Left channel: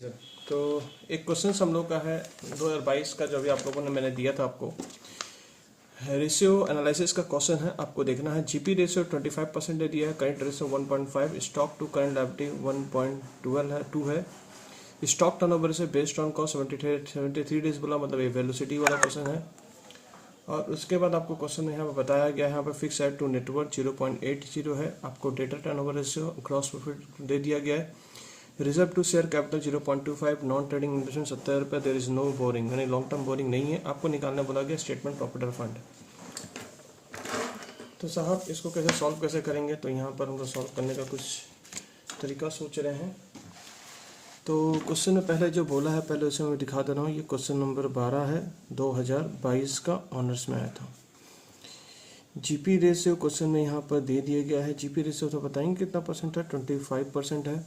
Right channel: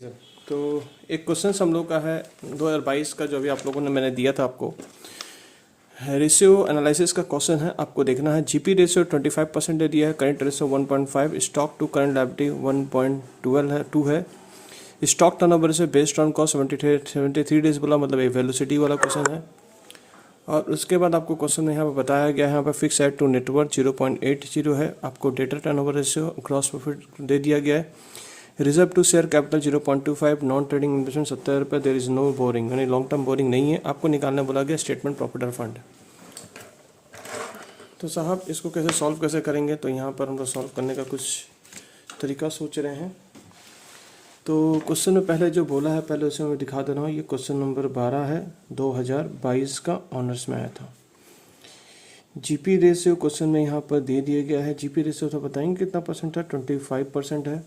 तो एक क्वेश्चन हम लोग का है 2022 का, जो अभी आप लोगों ने मैंने दिया था आपको। रेशियो एनालिसिस का क्वेश्चन है, आपको देखना है। जीपी रेशियो 25% दे दिया है, current ratio 1.5, stock to current liability 1.2 है। Stock turnover ratio based on cost 73 days बोला, मतलब एक वेलोसिटी वाला क्वेश्चन है। और उसके बाद आपको क्वेश्चन में यहाँ पर बताया गया है, यहाँ पर फिक्स एड टू नेटवर्क 0.80 है। आपको debtor turnover ratio, gross profit दे दिया गया है। Reserve to share capital 0.25, non trading investment 70 रुपये, देर इज नो बोरिंग, यानी लॉन्ग टर्म बोरिंग नहीं है। आपको निकालने बोला गया स्टेटमेंट प्रॉफिट और फंड। तो साहब इसको कैसे करेंगे, तो यहाँ पर हम लोग सॉल्व करने का कुछ तरीका सोच रहे हैं। तो क्वेश्चन में पहले जो बोला है, पहले उसे मैं दिखा दे रहा हूँ। ये क्वेश्चन नंबर 12 है, 2022 का ऑनर्स में आया था। जीपी रेशियो क्वेश्चन में यहाँ पर दे दिया गया है। जीपी रेशियो तो बताएंगे कितना परसेंट है, 25% है।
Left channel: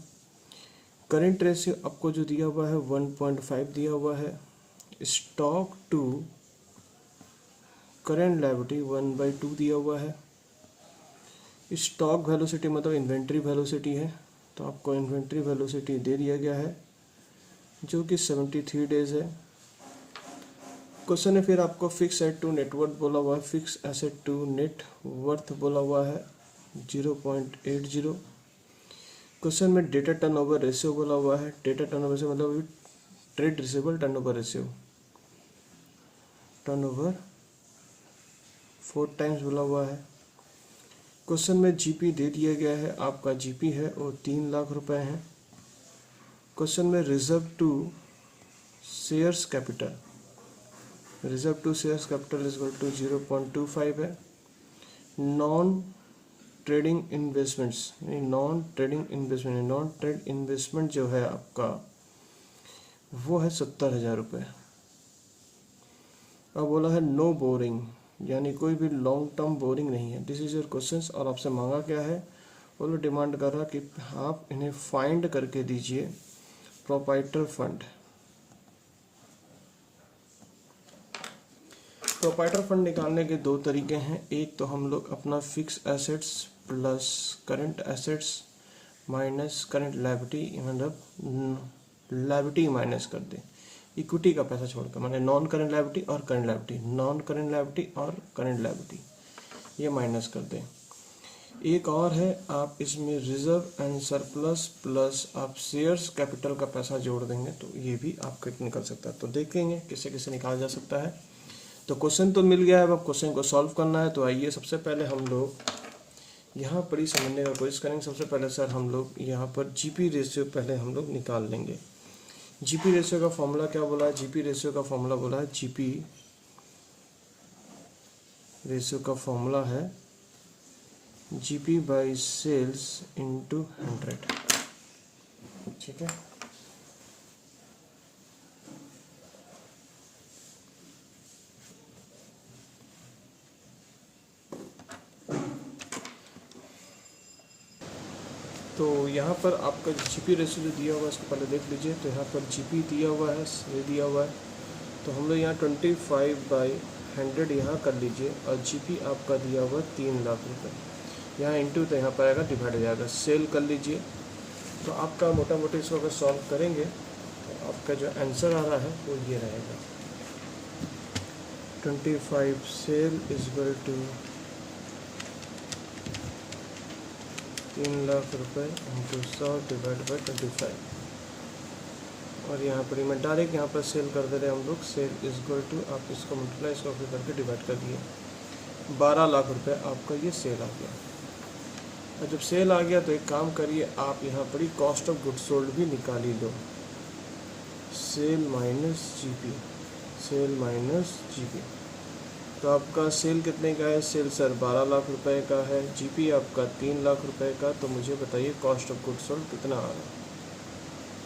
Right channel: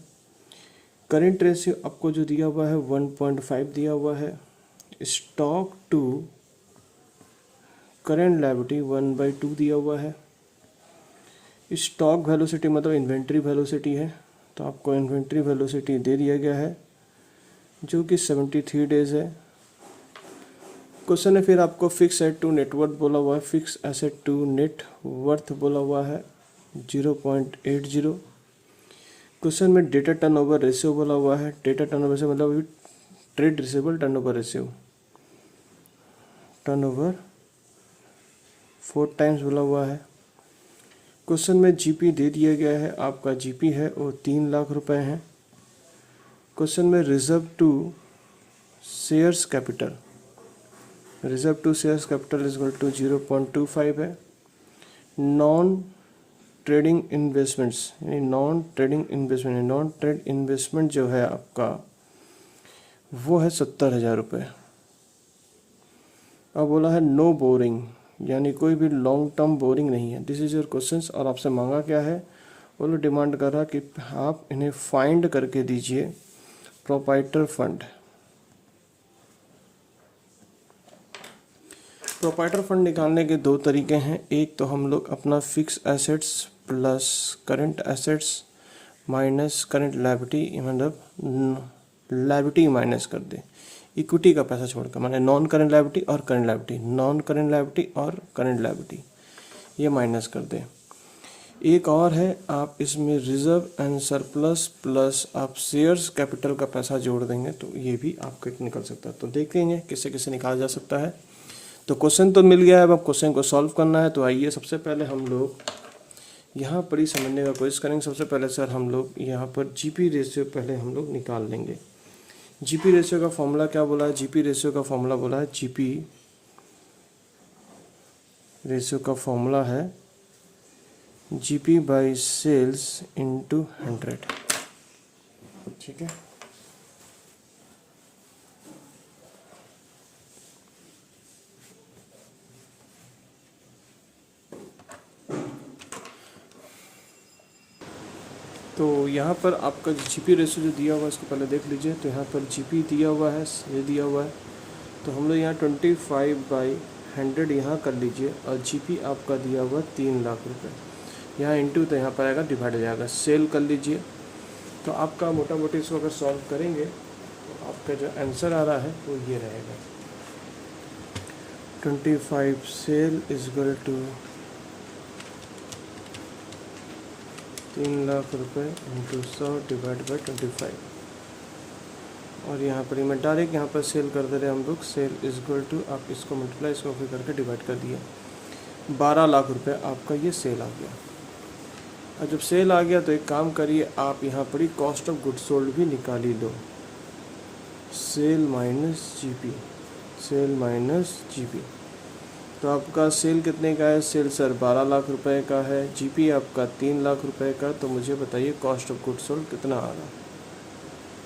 करेंट रेशियो आपको जो दिया हुआ है 1.5 दिया हुआ है। स्टॉक टू करेंट लायबिलिटी 1/2 दिया हुआ है। स्टॉक वेलोसिटी मतलब इन्वेंट्री वेलोसिटी है, तो आपको इन्वेंट्री वेलोसिटी दे दिया गया है जो कि 73 डेज है। क्वेश्चन है फिर आपको फिक्स एसेट टू नेटवर्थ बोला हुआ है, fix asset to net worth बोला हुआ है 0.80। क्वेश्चन में डेटा टर्नओवर रेशियो बोला हुआ है। डेटा टर्नओवर रेशियो मतलब trade receivable turnover ratio, turnover 4 times बोला हुआ है। क्वेश्चन में जीपी दे दिया गया है, आपका जीपी है वो 3 लाख रुपए है। क्वेश्चन में reserve to shares capital, reserve to shares capital is equal to 0.25 है। नॉन ट्रेडिंग इन्वेस्टमेंट्स, यानी नॉन ट्रेड इन्वेस्टमेंट जो है आपका वो है 70,000 रुपये। अब बोला है नो बोरिंग, यानी कोई भी लॉन्ग टर्म बोरिंग नहीं है। This is your questions. और आपसे मांगा क्या है, वो लोग डिमांड कर रहा कि आप इन्हें फाइंड करके दीजिए प्रोप्राइटर फंड। प्रोप्राइटर फंड निकालने के 2 तरीके हैं। एक तो हम लोग अपना fix assets plus current assets minus current liability, मतलब लायबिलिटी माइनस कर दे, इक्विटी का पैसा छोड़कर, माने नॉन करंट लायबिलिटी और current liability, non current liability और करंट लायबिलिटी ये माइनस कर दे। एक और है, आप इसमें रिजर्व एंड सरप्लस प्लस आप शेयर्स कैपिटल का पैसा जोड़ देंगे तो ये भी आपको निकल सकता है। तो देखेंगे किससे किससे निकाला जा सकता है। तो क्वेश्चन तो मिल गया है, अब आप क्वेश्चन को सॉल्व करना है। तो आइए सबसे पहले हम लोग यहाँ पर ही समझने का कोशिश करेंगे। सबसे पहले सर हम लोग यहाँ पर जीपी रेशियो पहले हम लोग निकाल लेंगे। जीपी रेशियो का फॉर्मूला क्या बोला है, जीपी रेशियो का फॉर्मूला बोला है, जीपी रेशियो का फॉर्मूला है जीपी बाई सेल्स इंटू 100। ठीक है, तो यहाँ पर आपका जीपी रेशियो जो दिया हुआ है उसको पहले देख लीजिए। तो यहाँ पर जीपी दिया हुआ है, ये दिया हुआ है, तो हम लोग यहाँ 25/100 यहाँ कर लीजिए। और जीपी आपका दिया हुआ 3 लाख रुपए, यहाँ इंटू, तो यहाँ पर आएगा डिवाइड हो जाएगा, सेल कर लीजिए। तो आपका मोटा मोटी इसको अगर सॉल्व करेंगे तो आपका जो आंसर आ रहा है वो ये रहेगा, 25 sale is equal to 3 lakh रुपए इंटू 100 डिवाइड बाई 25। और यहाँ पर मैं डायरेक्ट यहाँ पर सेल कर दे रहे हैं हम लोग, सेल इज इक्वल टू, आप इसको मल्टीप्लाई इसको फिर करके डिवाइड कर दिए, 12 लाख रुपए आपका ये सेल आ गया। और जब सेल आ गया तो एक काम करिए, आप यहाँ पर ही कॉस्ट ऑफ गुड्स सोल्ड भी निकाल ही लो, sale minus GP, sale minus GP. तो आपका सेल कितने का है, सेल सर 12 लाख रुपए का है, जीपी आपका 3 लाख रुपए का। तो मुझे बताइए कॉस्ट ऑफ गुड्स सोल्ड कितना आ रहा है।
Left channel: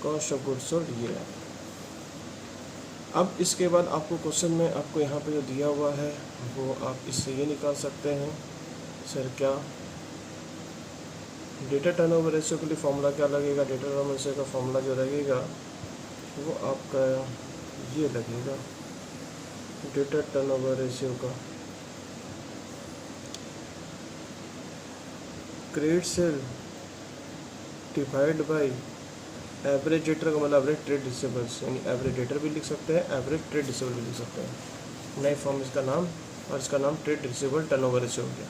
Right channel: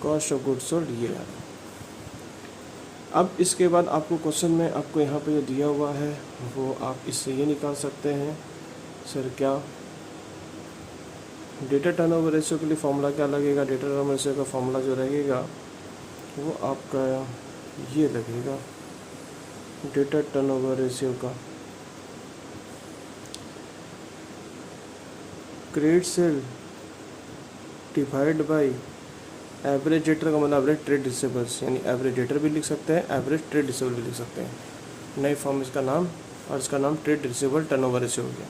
कॉस्ट ऑफ गुड्स सोल्ड ये है। अब इसके बाद आपको क्वेश्चन में आपको यहाँ पे जो दिया हुआ है वो आप इससे ये निकाल सकते हैं, सर क्या डेटा टर्नओवर रेशियो के लिए फॉर्मूला क्या लगेगा। डेटा टर्नओवर रेशियो का फॉर्मूला जो लगेगा वो आपका ये लगेगा, डेटा टर्नओवर रेशियो का credit sale divide by average debtor का मतलब एवरेज ट्रेड रिसीवेबल्स, यानी एवरेज डेटर भी लिख सकते हैं, एवरेज ट्रेड रिसीवेबल भी लिख सकते हैं, नई फॉर्म इसका नाम, और इसका नाम ट्रेड रिसीवेबल टर्नओवर रेशियो हो गया।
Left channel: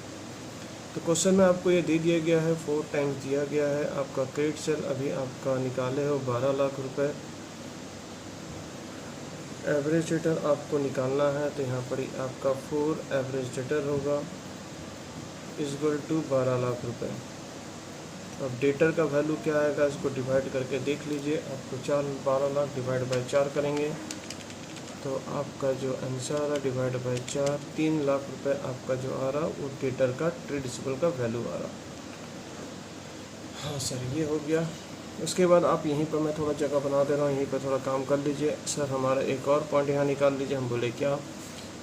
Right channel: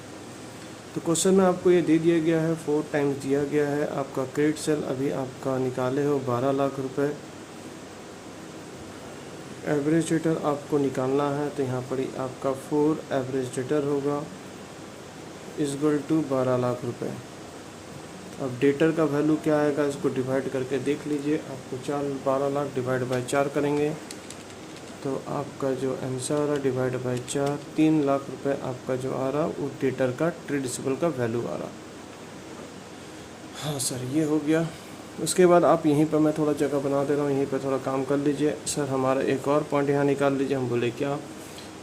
तो क्वेश्चन में आपको ये दे दिया गया है, 4 टाइम्स दिया गया है, आपका क्रेडिट सेल अभी आपका निकाले हो 12 लाख रुपए, एवरेज डेटर आपको निकालना है, तो यहाँ पर ही आपका 4 एवरेज डेटर होगा इक्वल टू 12 लाख रुपए। अब डेटर का वैल्यू क्या आएगा, इसको डिवाइड करके देख लीजिए, आपको 12 लाख डिवाइड बाई 4 करेंगे तो आपका जो आंसर आ रहा डिवाइड बाई 4, 3 लाख रुपए आपका जो आ रहा वो डेटर का ट्रेड रिसीवेबल का वैल्यू आ रहा। हाँ सर, ये हो गया। उसके बाद आप यहीं पर, मैं थोड़ा जगह बना दे रहा हूँ, यहीं पर थोड़ा काम कर लीजिए। सर हमारा एक और पॉइंट यहाँ निकाल लीजिए। हम बोले क्या,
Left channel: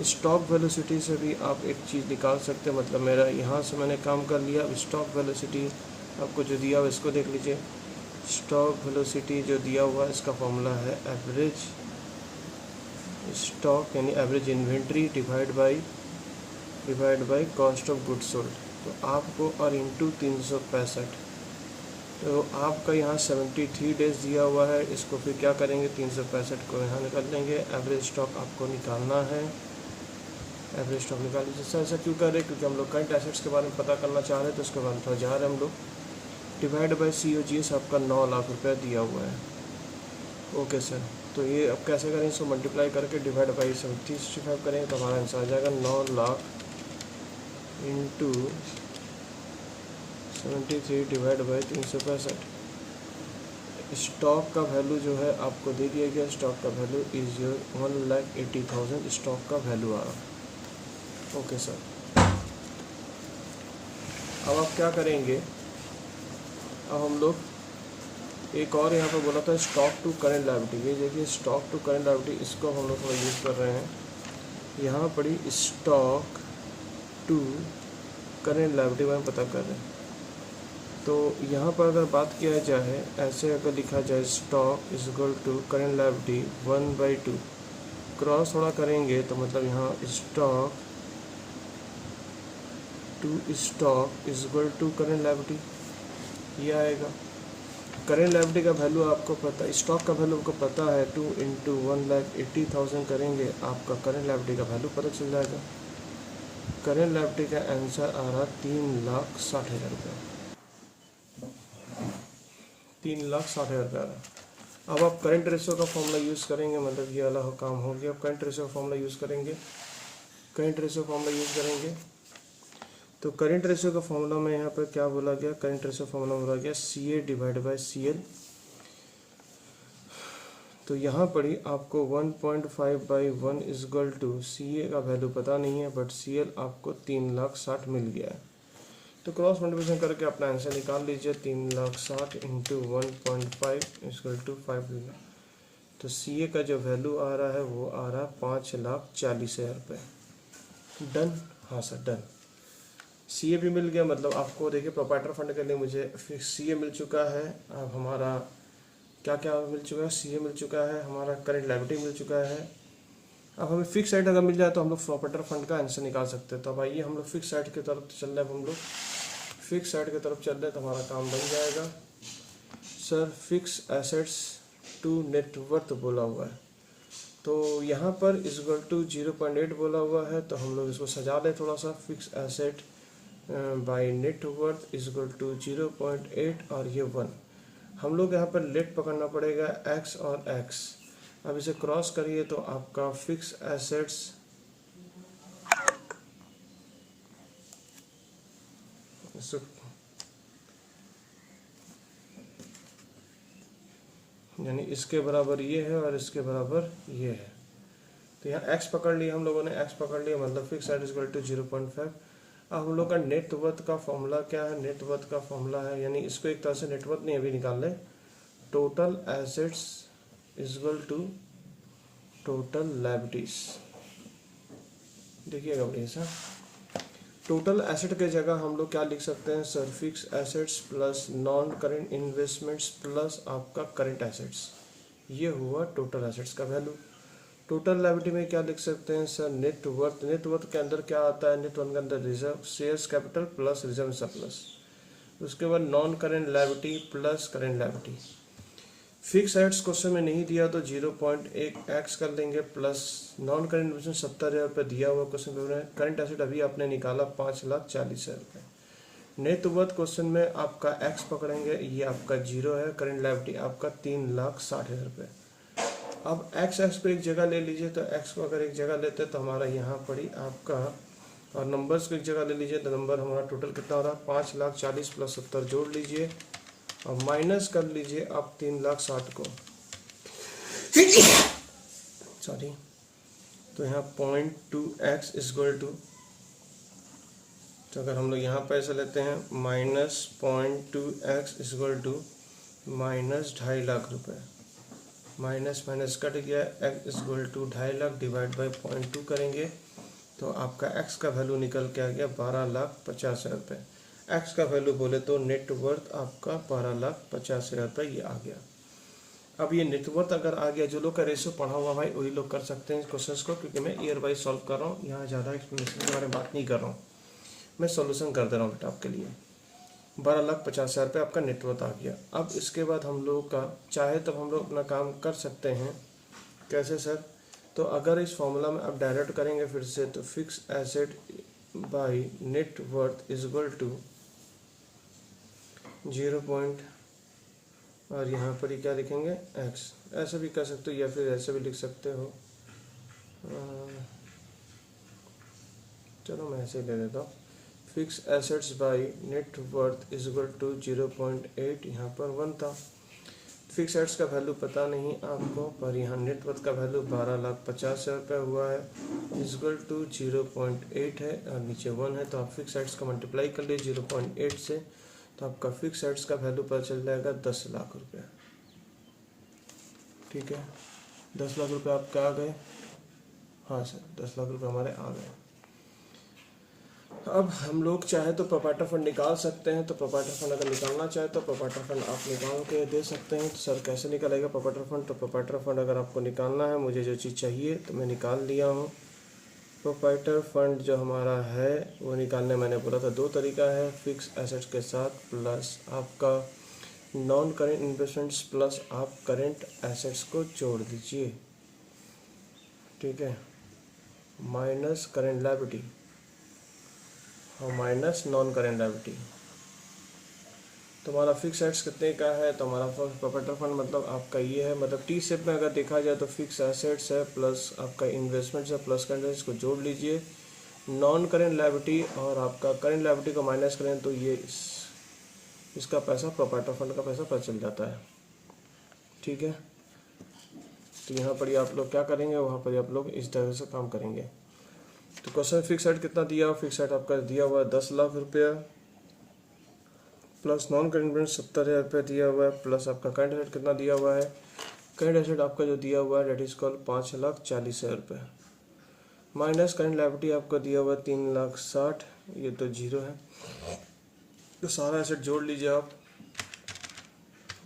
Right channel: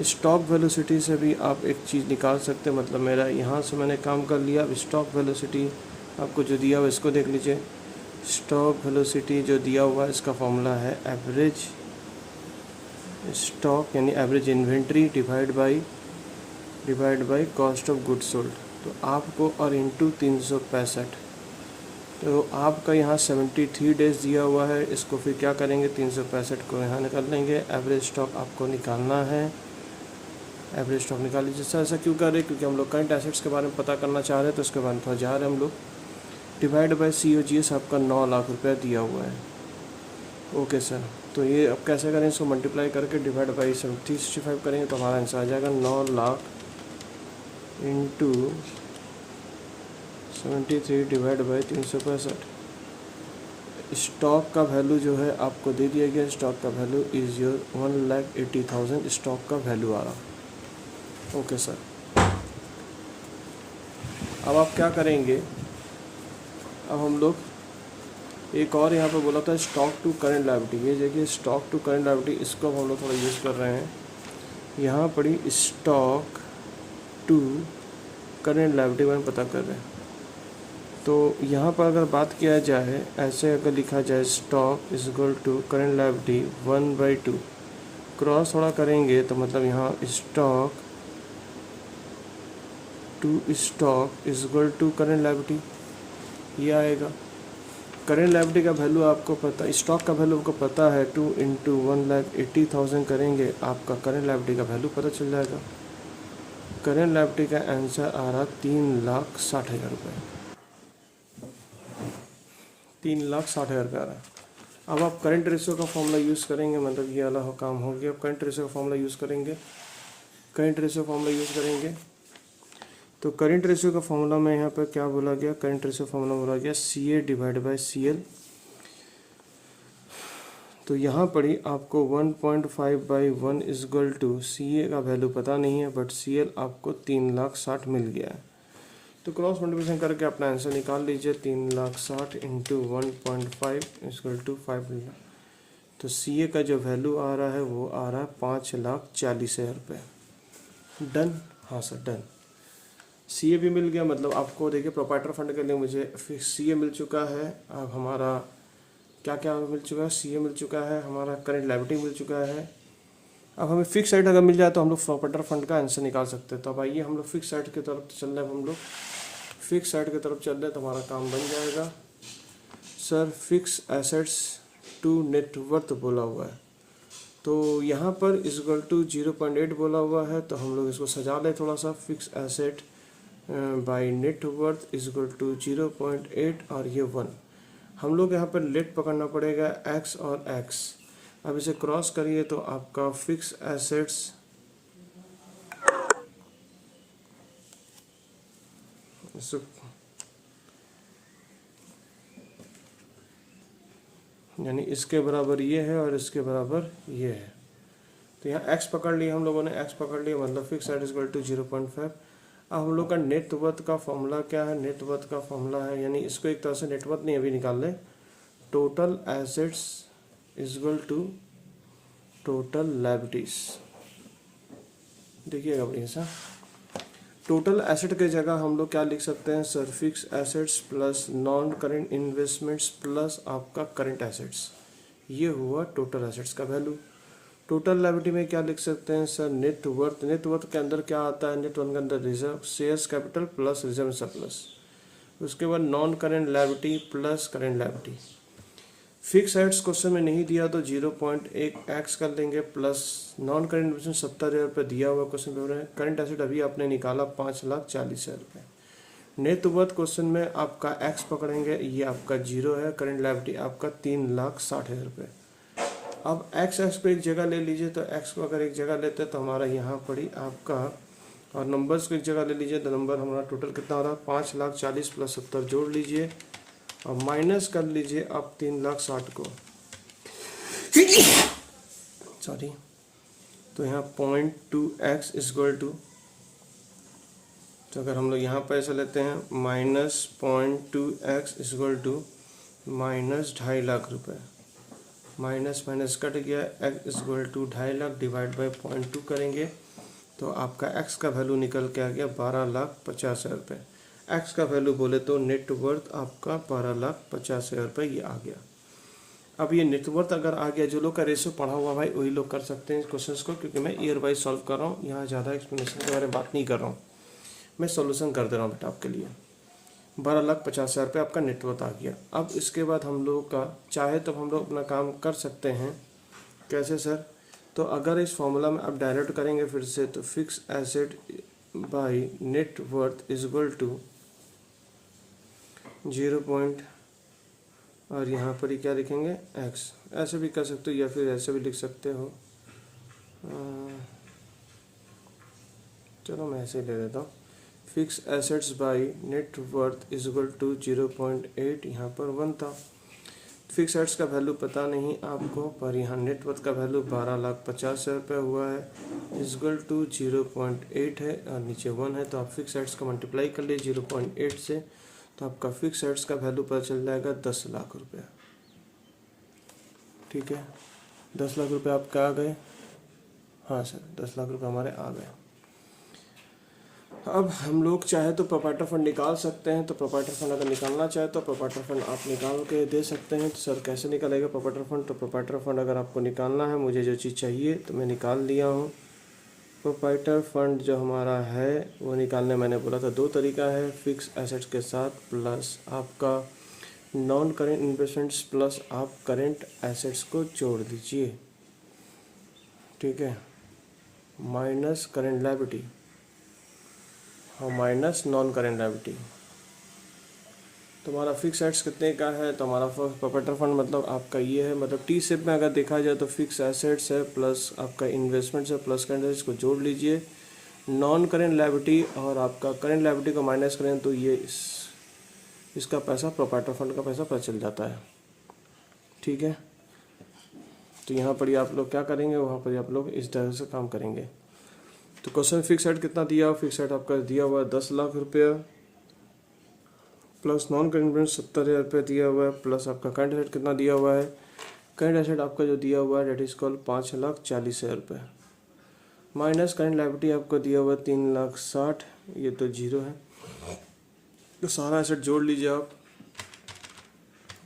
स्टॉक वेलोसिटी से भी आप एक चीज़ निकाल सकते हैं। मतलब मेरा यहाँ से मैंने काम कर लिया। स्टॉक वेलोसिटी आपको जो दिया हुआ इसको देख लीजिए। स्टॉक वेलोसिटी जो दिया हुआ है इसका फॉर्मूला है एवरेज स्टॉक यानी average inventory divide by cost of goods sold. तो आपको और इंटू 365, तो आपका यहाँ 73 डेज दिया हुआ है। इसको फिर क्या करेंगे, 365 को यहाँ निकाल लेंगे। एवरेज स्टॉक आपको निकालना है, एवरेज स्टॉक निकाल लीजिए। सर ऐसा क्यों कर रहे हैं, क्योंकि हम लोग करंट एसेट्स के बारे में पता करना चाह रहे हैं, तो उसके बारे में थोड़ा जा रहे हैं हम लोग। डिवाइड बाई COGS आपका 9 लाख रुपये दिया हुआ है। ओके सर, तो ये अब कैसे करें, इसको मल्टीप्लाई करके डिवाइड बाई 365 करेंगे तो हमारा आंसर आ जाएगा 9 lakh into 73 divide by 365। Stock का वैल्यू जो है आपको दे दिया गया। स्टॉक का वैल्यू इज योर 1,80,000 स्टॉक का वैल्यू आ रहा। ओके सर, अब आप क्या करेंगे, अब हम लोग एक और यहाँ पर बोला था स्टॉक टू करेंट लायबिलिटी। ये देखिए स्टॉक टू करेंट लायबिलिटी, इसको हम लोग थोड़ा यूज़ कर रहे हैं। यहाँ पड़ी स्टॉक टू करेंट लायबिलिटी में पता कर रहे हैं। तो यहाँ पर अगर बात किया जाए, ऐसे अगर लिखा जाए stock is equal to current liability 1/2, cross थोड़ा करेंगे तो मतलब यहाँ stock to stock is equal to current liability ये आएगा। करेंट लायबिलिटी का वैल्यू आपको पता, स्टॉक का वैल्यू आपको पता है, 2 इंटू 1,80,000 करेंगे, आपका करेंट लायबिलिटी का वैल्यू पता चल जाएगा। करेंट लायबिलिटी का आंसर आ रहा 3,60,000 रुपये, 3,60,000 रुपये आ रहा है। अब आप करंट रेशियो का फॉर्मूला यूज़ करेंगे, मतलब ये वाला काम हो गया। अब करंट रेशियो का फॉर्मूला यूज़ करेंगे, करंट रेशियो फॉर्मूला यूज़ करेंगे। तो करंट रेशियो का फॉर्मूला में यहाँ पर क्या बोला गया, करंट रेशियो फॉर्मूला बोला गया CA डिवाइड बाई CL। तो यहाँ पड़ी आपको 1.5/1 इज इक्वल टू, CA का वैल्यू पता नहीं है बट CL आपको 3,60,000 मिल गया है। तो क्रॉस मल्टीप्लिकेशन करके अपना आंसर निकाल लीजिए। 3,60,000 इंटू 1.5 इक्वल टू 5 मिला। तो CA का जो वैल्यू आ रहा है वो आ रहा है 5,40,000 रुपये। डन, हाँ सर डन। CA भी मिल गया, मतलब आपको देखिए प्रोप्राइटर फंड के लिए मुझे फिर CA मिल चुका है। अब हमारा क्या क्या मिल चुका है, CA मिल चुका है, हमारा करंट लायबिलिटी मिल चुका है। अब हमें फिक्स साइड अगर मिल जाए तो हम लोग प्रोप्राइटर फंड का आंसर निकाल सकते हैं। तो अब आइए हम लोग फिक्स साइड की तरफ चल रहे हैं। हम लोग फिक्स साइड की तरफ चल रहे हैं तो हमारा काम बन जाएगा। Sir fix assets to net worth बोला हुआ है, तो यहाँ पर इज इक्वल टू 0.8 बोला हुआ है। तो हम लोग इसको सजा लें थोड़ा सा। Fix asset by net worth is equal to 0.8 और ये 1। हम लोग यहाँ पर लेट पकड़ना पड़ेगा x और x। अब इसे क्रॉस करिए तो आपका फिक्स एसेट्स यानी इसके बराबर ये है और इसके बराबर ये है। तो यहाँ x पकड़ लिया हम लोगों ने, x पकड़ लिया, मतलब fix asset is equal to 0.5। अब हम लोग का नेटवर्थ का फॉर्मूला क्या है, नेटवर्थ का फॉर्मूला है, यानी इसको एक तरह से नेटवर्थ नहीं अभी निकाल लें, total assets is equal to total liabilities. देखिएगा बढ़िया सा, टोटल एसेट के जगह हम लोग क्या लिख सकते हैं sir, fix assets plus non current investments plus आपका करंट एसेट्स, ये हुआ टोटल एसेट्स का वैल्यू। टोटल लायबिलिटी में क्या लिख सकते हैं सर, नेटवर्थ। नेटवर्थ के अंदर क्या आता है, नेटवर्थ के अंदर reserve shares capital plus reserve surplus. उसके बाद non current liability plus current liability. Fix assets question में नहीं दिया तो 0.1 एक्स कर लेंगे प्लस नॉन करेंट इन्वेस्टमेंट 70,000 रुपये दिया हुआ क्वेश्चन पेपर में। करंट एसेट अभी आपने निकाला 5,40,000 रुपये। नेट वर्थ क्वेश्चन में आपका एक्स पकड़ेंगे, ये आपका 0 है। करंट लायबिलिटी आपका 3,60,000 रुपये। अब एक्स को एक जगह ले लीजिए, तो एक्स को अगर एक जगह लेते हैं तो हमारा यहाँ पड़ी आपका, और नंबर्स को एक जगह ले लीजिए तो नंबर हमारा टोटल कितना हो रहा है 5,40,000 प्लस 70 जोड़ लीजिए और माइनस कर लीजिए आप 3,60,000 को, सॉरी। तो यहाँ 0.2x इक्वल टू, तो अगर हम लोग यहाँ पैसे लेते हैं -0.2x इक्वल टू -2.5 लाख रुपये। माइनस माइनस कट गया, x equal to 2.5 divide by 0.2 करेंगे तो आपका x का वैल्यू निकल के आ गया 12,50,000 रुपये। x का वैल्यू बोले तो नेट वर्थ आपका 12,50,000 रुपये ये आ गया। अब ये नेट वर्थ अगर आ गया, जो लोग का रेशो पढ़ा हुआ भाई वही लोग कर सकते हैं क्वेश्चंस को, क्योंकि मैं ईयर वाइज सॉल्व कर रहा हूँ, यहाँ ज़्यादा एक्सप्लेनेशन के बारे में बात नहीं कर रहा हूँ, मैं सॉल्यूशन कर दे रहा हूँ बेटा आपके लिए। 12,50,000 रुपये आपका नेटवर्थ आ गया। अब इसके बाद हम लोग का चाहे तो हम लोग अपना काम कर सकते हैं। कैसे सर? तो अगर इस फॉर्मूला में आप डायरेक्ट करेंगे फिर से, तो fix asset by net worth is equal to 0. और यहाँ पर ही क्या लिखेंगे x। ऐसे भी कर सकते हो या फिर ऐसे भी लिख सकते हो। चलो मैं ऐसे ही ले देता हूँ। Fix assets by net worth is equal to 0.8, यहाँ पर 1 था। फिक्स एसेट्स का वैल्यू पता नहीं आपको, पर यहाँ नेट वर्थ का वैल्यू 12,50,000 रुपये हुआ है, इज इक्वल टू 0.8 है और नीचे 1 है। तो आप फिक्स एसेट्स को मल्टीप्लाई कर लीजिए 0.8 से, तो आपका फिक्स एसेट्स का वैल्यू पता चल जाएगा 10 लाख रुपये। ठीक है, 10 लाख रुपये आपके आ गए। हाँ सर, 10 लाख रुपये हमारे आ गए। अब हम लोग चाहे तो प्रोप्राइटर फंड निकाल सकते हैं। तो प्रोप्राइटर फंड अगर निकालना चाहे तो प्रोप्राइटर फंड आप निकाल के दे सकते हैं। तो सर कैसे निकालेगा प्रोप्राइटर फंड? तो प्रोप्राइटर फंड अगर आपको निकालना है, मुझे जो चीज़ चाहिए तो मैं निकाल लिया हूँ। प्रोप्राइटर फंड जो हमारा है वो निकालने मैंने बोला था 2 तरीका है, फिक्स एसेट्स के साथ प्लस आपका नॉन करेंट इन्वेस्टमेंट्स प्लस आप करेंट एसेट्स को जोड़ दीजिए। ठीक है, माइनस करेंट लायबिलिटी और माइनस नॉन करेंट लायबिलिटी। तो हमारा फिक्स एसेट्स कितने का है? तो हमारा प्रोप्राइटर फंड मतलब आपका ये है, मतलब टी शेप में अगर देखा जाए तो फिक्स एसेट्स है प्लस आपका इन्वेस्टमेंट्स है प्लस करंट एसेट्स को जोड़ लीजिए। नॉन करेंट लायबिलिटी और आपका करेंट लायबिलिटी को माइनस करें तो ये इसका पैसा प्रोप्राइटर फंड का पैसा पता चल जाता है। ठीक है, तो यहाँ पर आप लोग क्या करेंगे, वहाँ पर आप लोग इस तरह से काम करेंगे। तो क्वेश्चन फिक्स एसेट कितना दिया? फिक्स एसेट आपका दिया हुआ है 10 लाख रुपये प्लस नॉन करेंट इन्वेस्टमेंट 70,000 रुपये दिया हुआ है प्लस आपका करंट एसेट कितना दिया हुआ है? करंट एसेट आपका जो दिया हुआ है डेट इज कॉल्ड 5,40,000 रुपये माइनस करंट लायबिलिटी आपको दिया हुआ है 3,60,000, ये तो 0 है। तो सारा एसेट जोड़ लीजिए आप,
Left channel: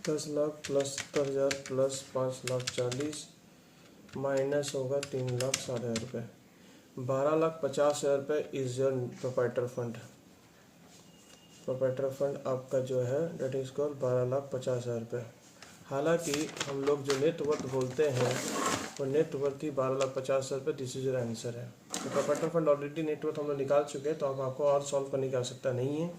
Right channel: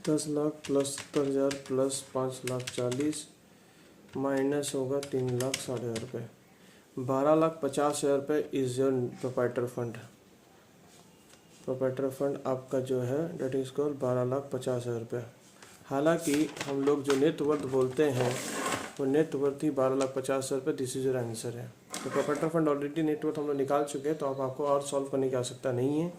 10 लाख प्लस 70,000 प्लस 5,40,000 माइनस होगा 3,60,000 रुपये। 12,50,000 रुपये is your proprietor fund. Proprietor fund आपका जो है डेट इज कॉल्ड 12,50,000 रुपये। हालांकि हम लोग जो नेट वर्थ बोलते हैं वो नेट वर्थ ही 12,50,000 रुपये, दिस इज योर आंसर है। तो proprietor fund already net worth हम लोग निकाल चुके हैं, तो अब आपको और सॉल्व करने की आवश्यकता नहीं है।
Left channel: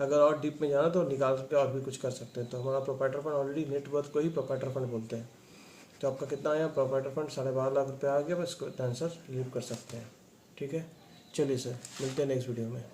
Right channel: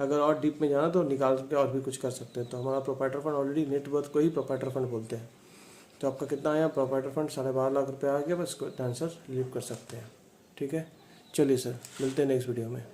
अगर और डीप में जाना तो निकाल सकते हैं और भी कुछ कर सकते हैं। तो हमारा proprietor fund already net worth को ही प्रोप्राइटर फंड बोलते हैं। तो आपका कितना आया? प्रोप्राइटर फंड 12.5 लाख रुपये आ गया, बस इसको आंसर लीव कर सकते हैं। ठीक है, चलिए सर, मिलते हैं नेक्स्ट वीडियो में।